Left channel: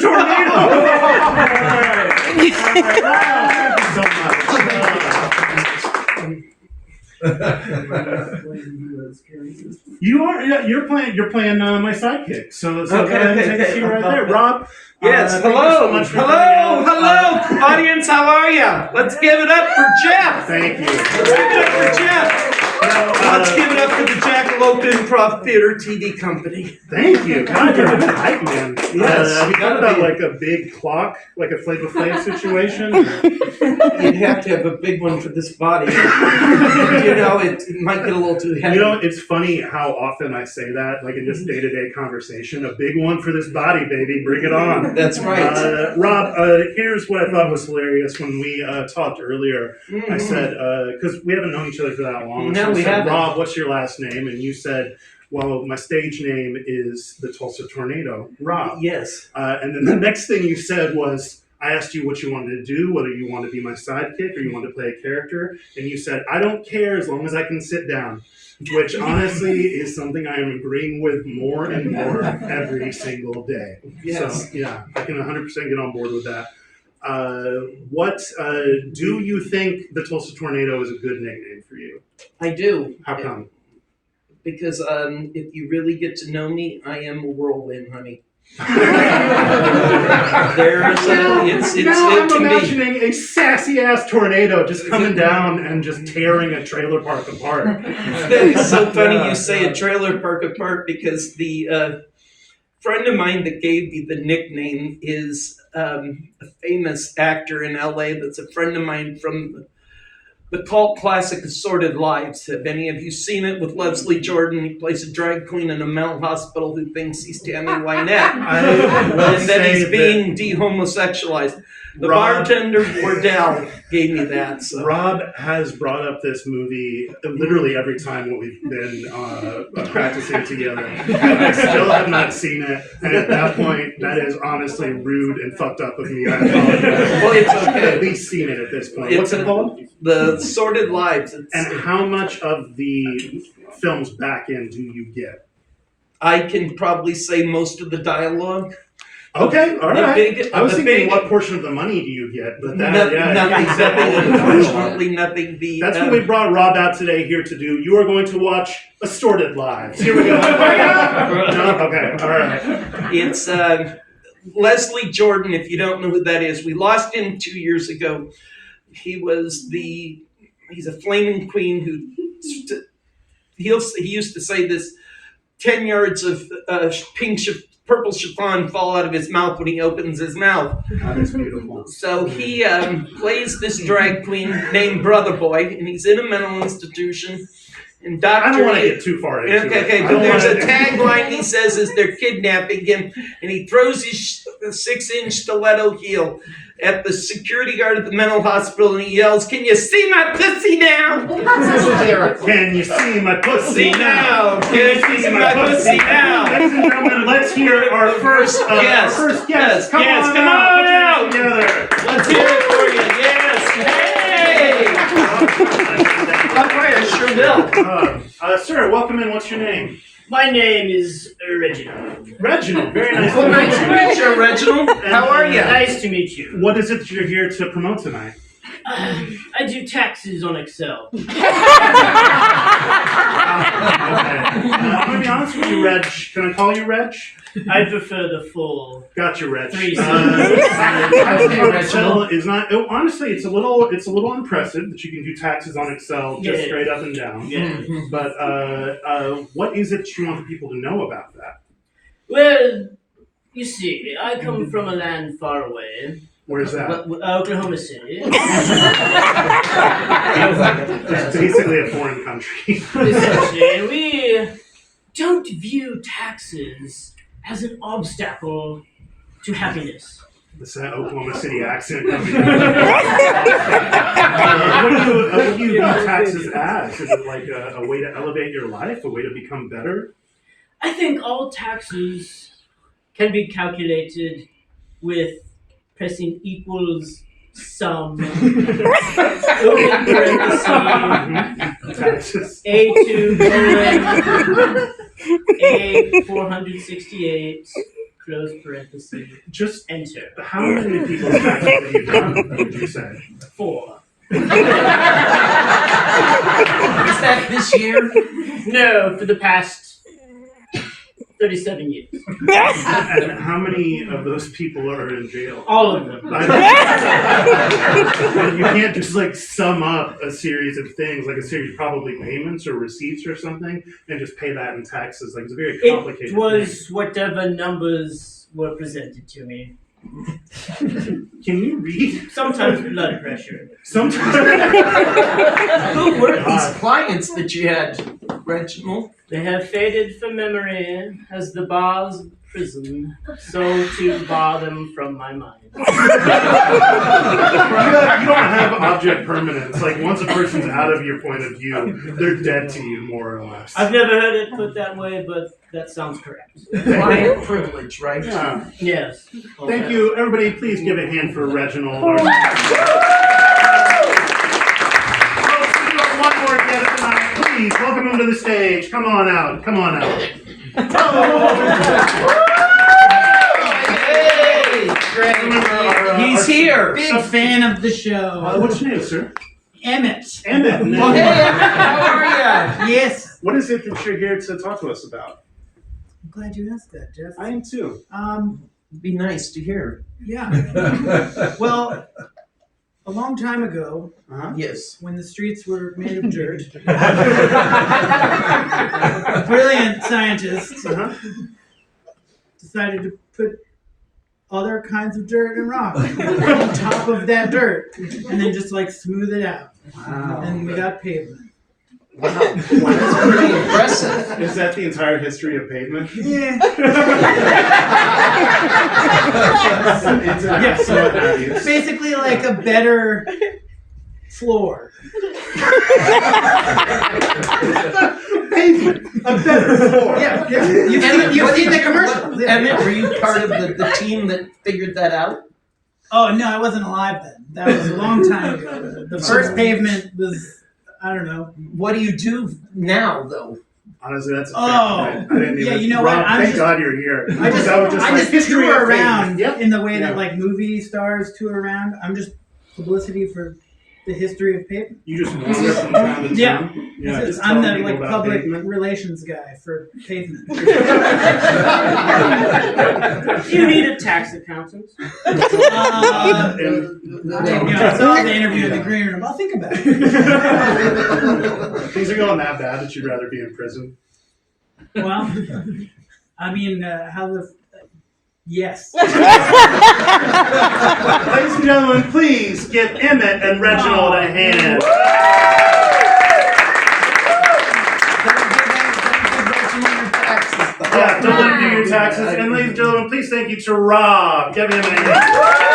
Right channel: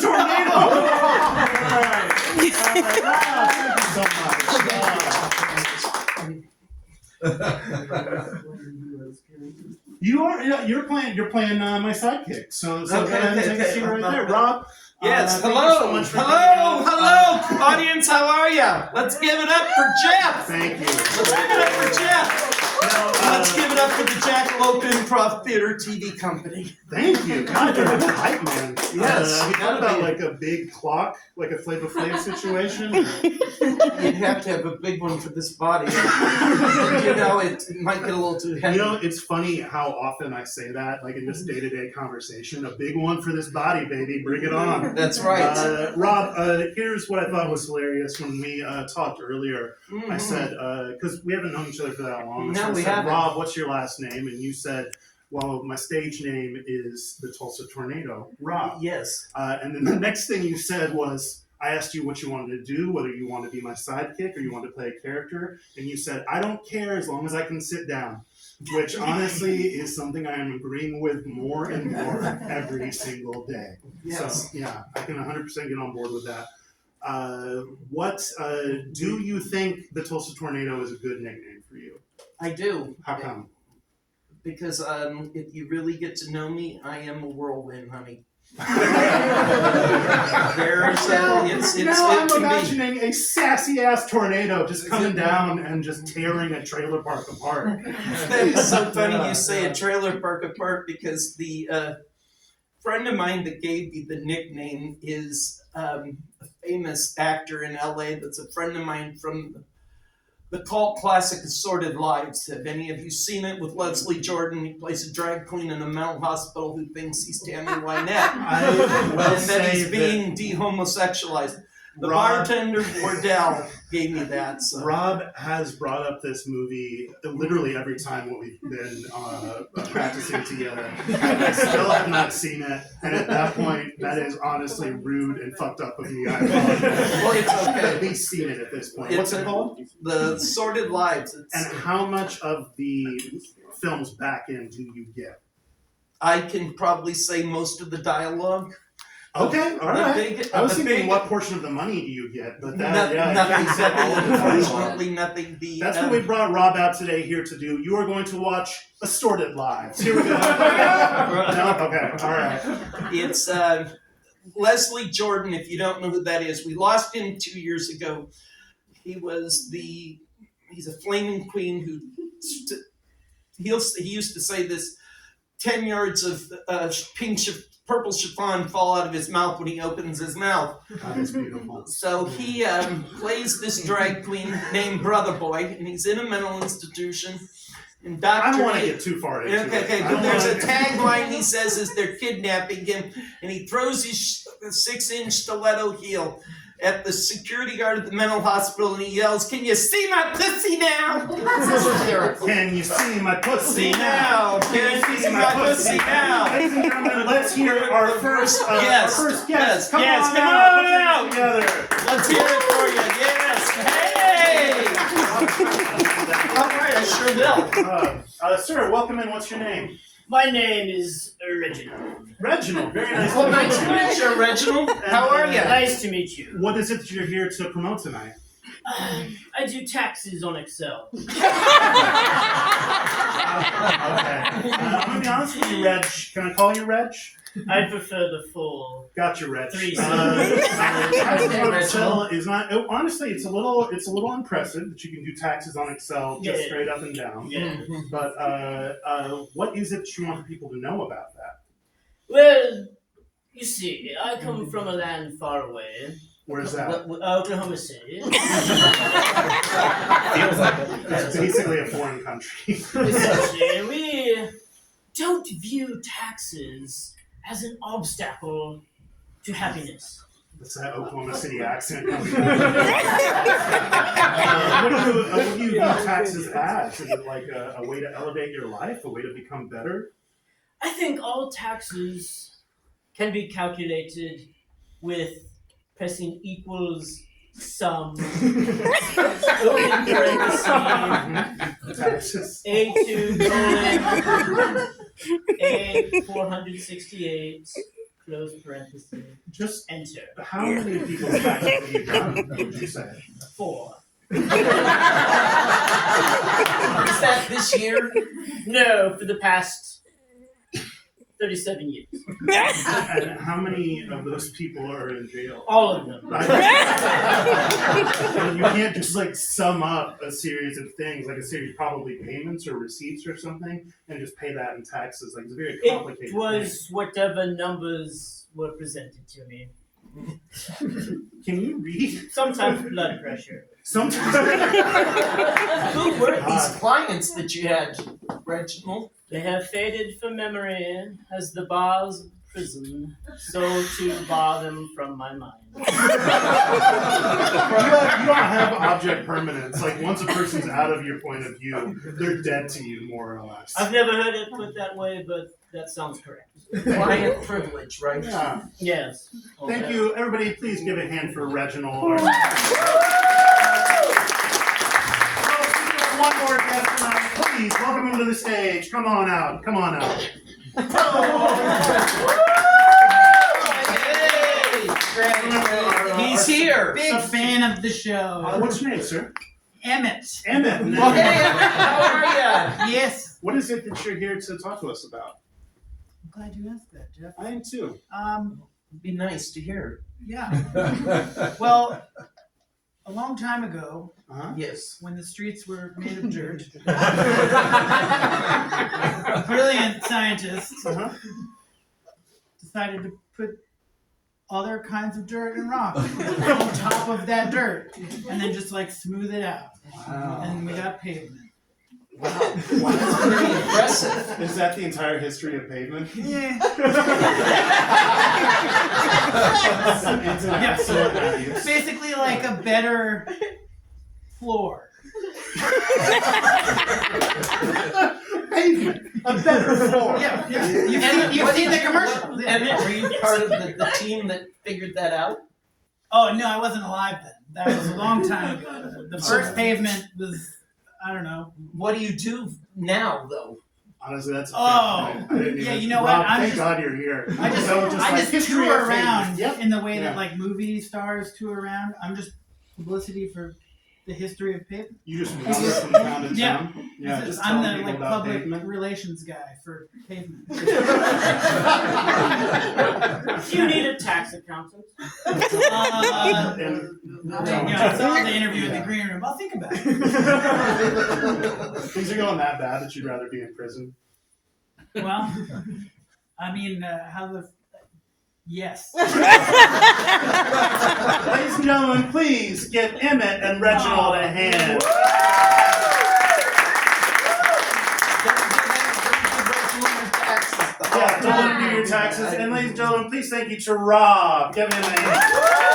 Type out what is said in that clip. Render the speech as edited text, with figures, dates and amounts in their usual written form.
Tornado! All right. You're playing my sidekick. So go ahead and take a seat right there, Rob. Yes. Thank you so much for Hello, audience. How are you? Let's give it up for Jeff. Thank you. Let's give it up for Jeff. Let's give it up for the Jackalope Improv Theater TV Company. Thank you. God, you're a hype man. Yes. Have you thought about like a big clock, like a Flavor Flav situation? You'd have to have a big one for this body. It might get a little too heavy. It's funny how often I say that, like in just day-to-day conversation. A big one for this body, baby. Bring it on. That's right. Rob, here's what I thought was hilarious when we talked earlier. I said, because we haven't known each other for that long. No, so we haven't. Rob, what's your last name? And you said, well, my stage name is the Tulsa Tornado, Rob. Yes. And then the next thing you said was, I asked you what you wanted to do, whether you wanted to be my sidekick or you wanted to play a character. And you said, I don't care as long as I can sit down. Which honestly is something I am agreeing with more and more every single day. Yes. So yeah, I can 100% get on board with that. What do you think the Tulsa Tornado is a good nickname for you? I do. How come? Because if you really get to know me, I am a whirlwind, honey. I'm imagining a sassy ass tornado just coming down and just tearing a trailer park apart. That is so funny you say a trailer park apart because the friend of mine that gave me the nickname is a famous actor in LA that's a friend of mine from the cult classic Assorted Lives. Have any of you seen it with Leslie Jordan? He plays a drag queen in a mental hospital who thinks he's Tammy Wynette. And that he's being de-homosexualized. The bartender Wardell gave me that. So. Rob has brought up this movie literally every time we've been practicing together. I still have not seen it, and at that point, that is honestly rude and fucked up of me. I apologize. Well, it's okay. I've at least seen it at this point. What's it called? The Sordid Lives. And how much of the film's back end do you get? I can probably say most of the dialogue. Okay, all right. I was thinking, what portion of the money do you get? But that, nothing. Unfortunately, nothing. That's what we brought Rob out today here to do. You are going to watch Assorted Lives. Here we go. No? Okay, all right. It's Leslie Jordan. If you don't know who that is, we lost him 2 years ago. He's a flaming queen who he used to say this 10 yards of purple chiffon fall out of his mouth when he opens his mouth. That is beautiful. So he plays this drag queen named Brother Boy, and he's in a mental institution. And I don't want to get too far into it. Okay, but there's a tagline he says as they're kidnapping him, and he throws his 6-inch stiletto heel at the security guard at the mental hospital, and he yells, "Can you see my pussy now? Can you see my pussy now? Can you see my pussy now?" Ladies and gentlemen, let's hear our first guest. Come on out. Together. Let's hear it for you. Yes. Hey. Okay, I sure will. Sir, welcome in. What's your name? My name is Reginald. Reginald. Very nice. Well, nice to meet you, Reginald. How are you? Nice to meet you. What is it that you're here to promote tonight? I do taxes on Excel. Okay. I'm going to be honest with you, Reg. Can I call you Reg? I prefer the full. Got you, Reg. 3 Excel is not. Honestly, it's a little impressive that you can do taxes on Excel just straight up and down. Yeah. But what is it you want people to know about that? Well, you see, I come from a land far away. Where's that? Oklahoma City. It's basically a foreign country. Essentially, we don't view taxes as an obstacle to happiness. It's that Oklahoma City accent coming out. What do you view taxes as? Is it like a way to elevate your life, a way to become better? I think all taxes can be calculated with pressing equals sum, open parenthesis, A2 colon A468 close parenthesis, Just enter. how many people's taxes have you done, would you say? 4. Is that this year? No, for the past 37 years. And how many of those people are in jail? All of them. Well, you can't just like sum up a series of things, like a series probably payments or receipts or something, and just pay that in taxes. Like it's a very complicated It was whatever numbers were presented to me. thing. Can you read? Sometimes blood pressure. Sometimes. Who were these clients that you had, Reginald? They have faded from memory as the bars of prison, so to bar them from my mind. You don't have object permanence. Like once a person's out of your point of view, they're dead to you, more or less. I've never heard it put that way, but that sounds correct. Client privilege, right? Yeah. Yes. Thank you, everybody. Please give a hand for Reginald. One more guest tonight. Please welcome him to the stage. Come on out. Come on out. He's here. Big fan of the show. What's your name, sir? Emmett. Emmett. Well, hey, how are ya? Yes. What is it that you're here to talk to us about? I'm glad you asked that, Jeff. I am too. Be nice to hear. Yeah. Well, a long time ago, Uh-huh. Yes. when the streets were made of dirt, brilliant scientists Uh-huh. decided to put other kinds of dirt and rock on top of that dirt, and then just like smooth it out, Wow. and we got pavement. Wow. That's pretty impressive. Is that the entire history of pavement? Yeah. It's an absolute obvious. Basically, like a better floor. Pavement. A better floor. Yeah, you've seen the commercial. Yeah. Emmett, were you part of the team that figured that out? Oh no, I wasn't alive then. That was a long time ago. The first pavement was, I don't know. What do you do now, though? Honestly, that's a Oh, fair point. I didn't yeah, even, you know Rob, what? I'm thank just- God you're here. I just, That was I like just history tour of pavement. around Yep. in the way Yeah. that like movie stars tour around. I'm just publicity for the history of pavement. You just wander from town to Yeah. town. Yeah, just I'm telling the people like about public pavement. relations guy for pavement. Do you need a tax accountant? And- Yeah, I saw the interview in the green room. I'll think about it. Things are going that bad that you'd rather be in prison. Well, I mean, how the yes. Ladies and gentlemen, please give Emmett and Reginald a hand. Yeah, don't let me do your taxes. And ladies and gentlemen, please thank you to Rob. Give him a hand.